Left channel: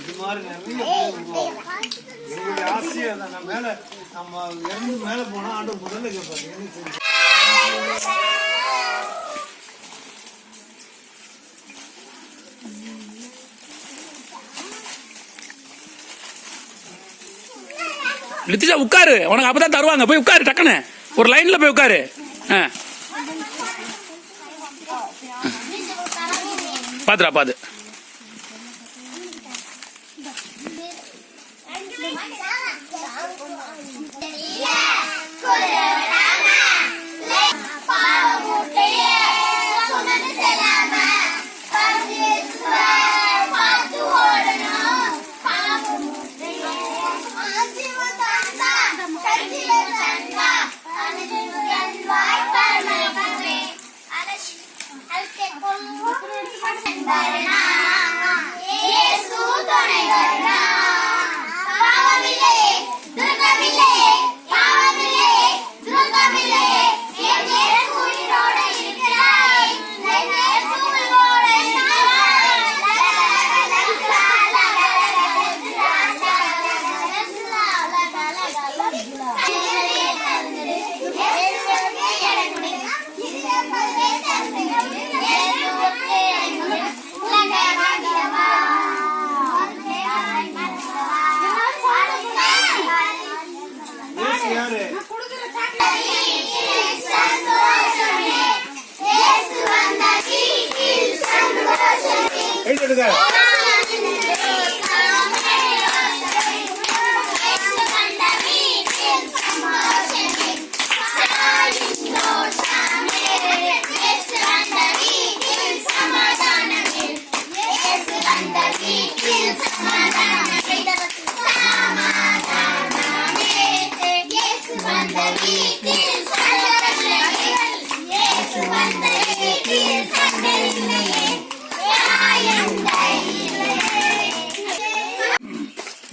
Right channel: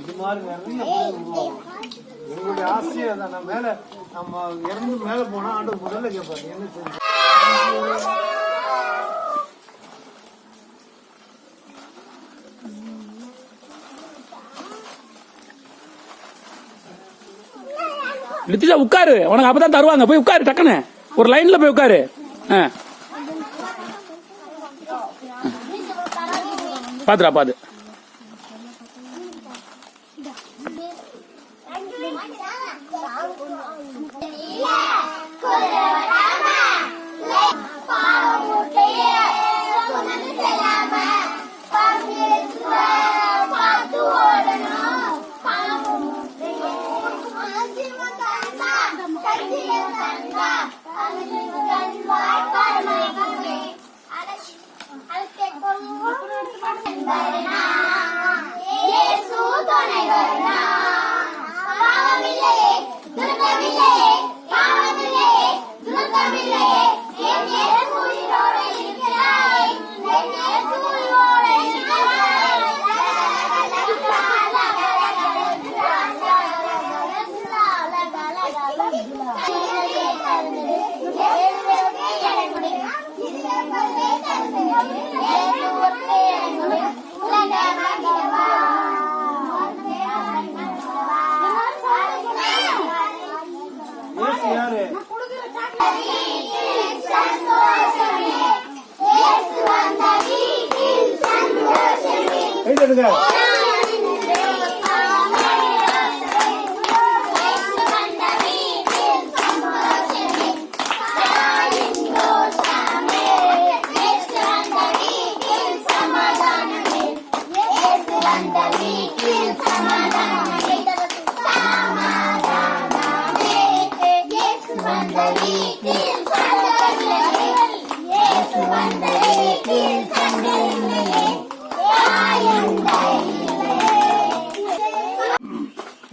இது மாதிரி நிறைய பேர் உருவாகும். எங்களுடைய ஆசையை நம்ம மேல நம்ம இறந்து மேல போனா ஆண்டு முதல்ல கேட்பாங்க என்ன செஞ்சு லித்திஷா உட்காரு, உனக்கு அப்பதான் தருவாங்க. போய் உட்காரு, டக்குன்னு ஒரு லைன்ல போய் உட்காரு. பாத்துரா பாத்து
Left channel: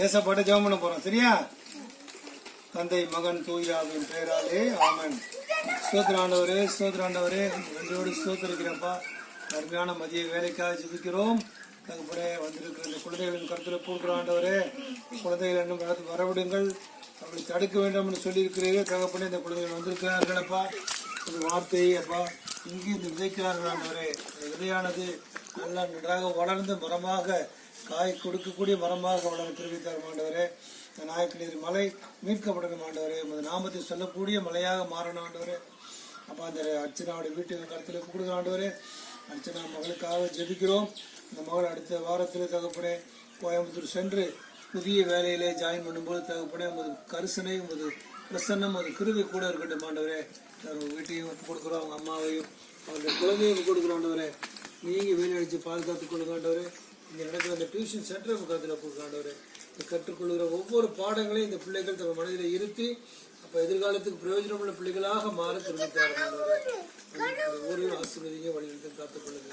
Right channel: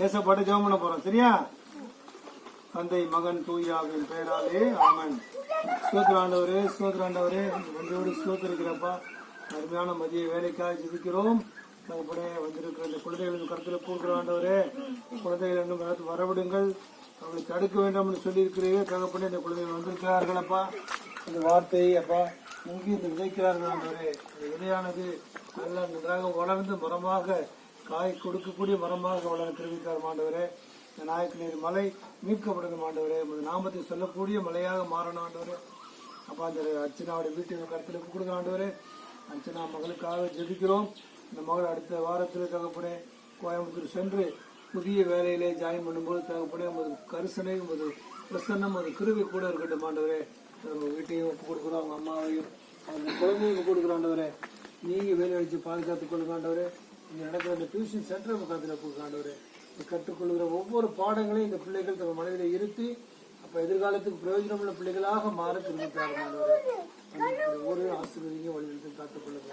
ஏசப்பாட்ட ஜெபம் பண்ண போறோம். சரியா? தந்தை மகன் தூயாவின் பெயராலே ஆமென். ஸ்தோத்திராண்டவரே, ஸ்தோத்திராண்டவரே, நன்றியோடு ஸ்தோத்திரிக்கிறப்பா. அருமையான மதிய வேலைக்காக ஜெபிக்கிறோம். தகப்பனே, வந்திருக்கிற இந்த குழந்தைகளின் கருத்துல போடுகிறாண்டவரே, குழந்தைகள் இன்னும் வரவிடுங்கள், அவர்களை தடுக்க வேண்டாம் என்று சொல்லியிருக்கிறீரே. தகப்பனே, இந்த குழந்தைகள் வந்திருக்கிறார்கள் அப்பா. இந்த வார்த்தையை அப்பா இங்கே இந்த விதைக்கிறார்கள் ஆண்டவரே. இந்த விதையானது எல்லாம் நன்றாக வளர்ந்து மரமாக காய் கொடுக்கக்கூடிய மரமாக வளர தெரிவித்தார் ஆண்டவரே. இந்த நாயக்கநீர் மலை மீட்கப்படணும் ஆண்டவரே. உமது நாமத்தை சொல்லக்கூடிய மலையாக மாறணும் ஆண்டவரே. அப்பா அந்த அர்ச்சனாவுடைய வீட்டுக்கு கருத்தில் கொடுக்குற ஆண்டவரே. அர்ச்சனா மகளுக்காக ஜெபிக்கிறோம். இந்த மகள் அடுத்த வாரத்தில் தகப்பனே கோயம்புத்தூர் சென்று புதிய வேலையிலே ஜாயின் பண்ணும்போது தகப்பனே உமது கரிசனை, உமது பிரசன்னம், உமது கிருபை கூட இருக்கட்டும் ஆண்டவரே. ஒரு வீட்டையும் ஒப்பு கொடுக்குறோம், அவங்க அம்மாவையும் அந்த குழந்தையும் ஒப்பு கொடுக்குற ஆண்டவரே. நீங்க வேலை அடிச்சு பாதுகாத்துக் கொள்ளுங்க ஆண்டவரே. இங்க நடக்கிற அந்த டியூஷன் சென்டர் முகாத்தில் ஒப்பு ஆண்டவரே. கற்றுக்கொள்கிற ஒவ்வொரு பாடங்களையும் இந்த பிள்ளைகள் தங்கள் மனதில் இருத்தி அப்ப எதிர்காலத்துக்கு பிரயோஜனமுள்ள பிள்ளைகளாக மாற தெரிவித்தார் ஆண்டவரே. ஒவ்வொரு ஆசீர்வதிங்க, வழிநடத்தி காத்துக் கொள்ளுங்க.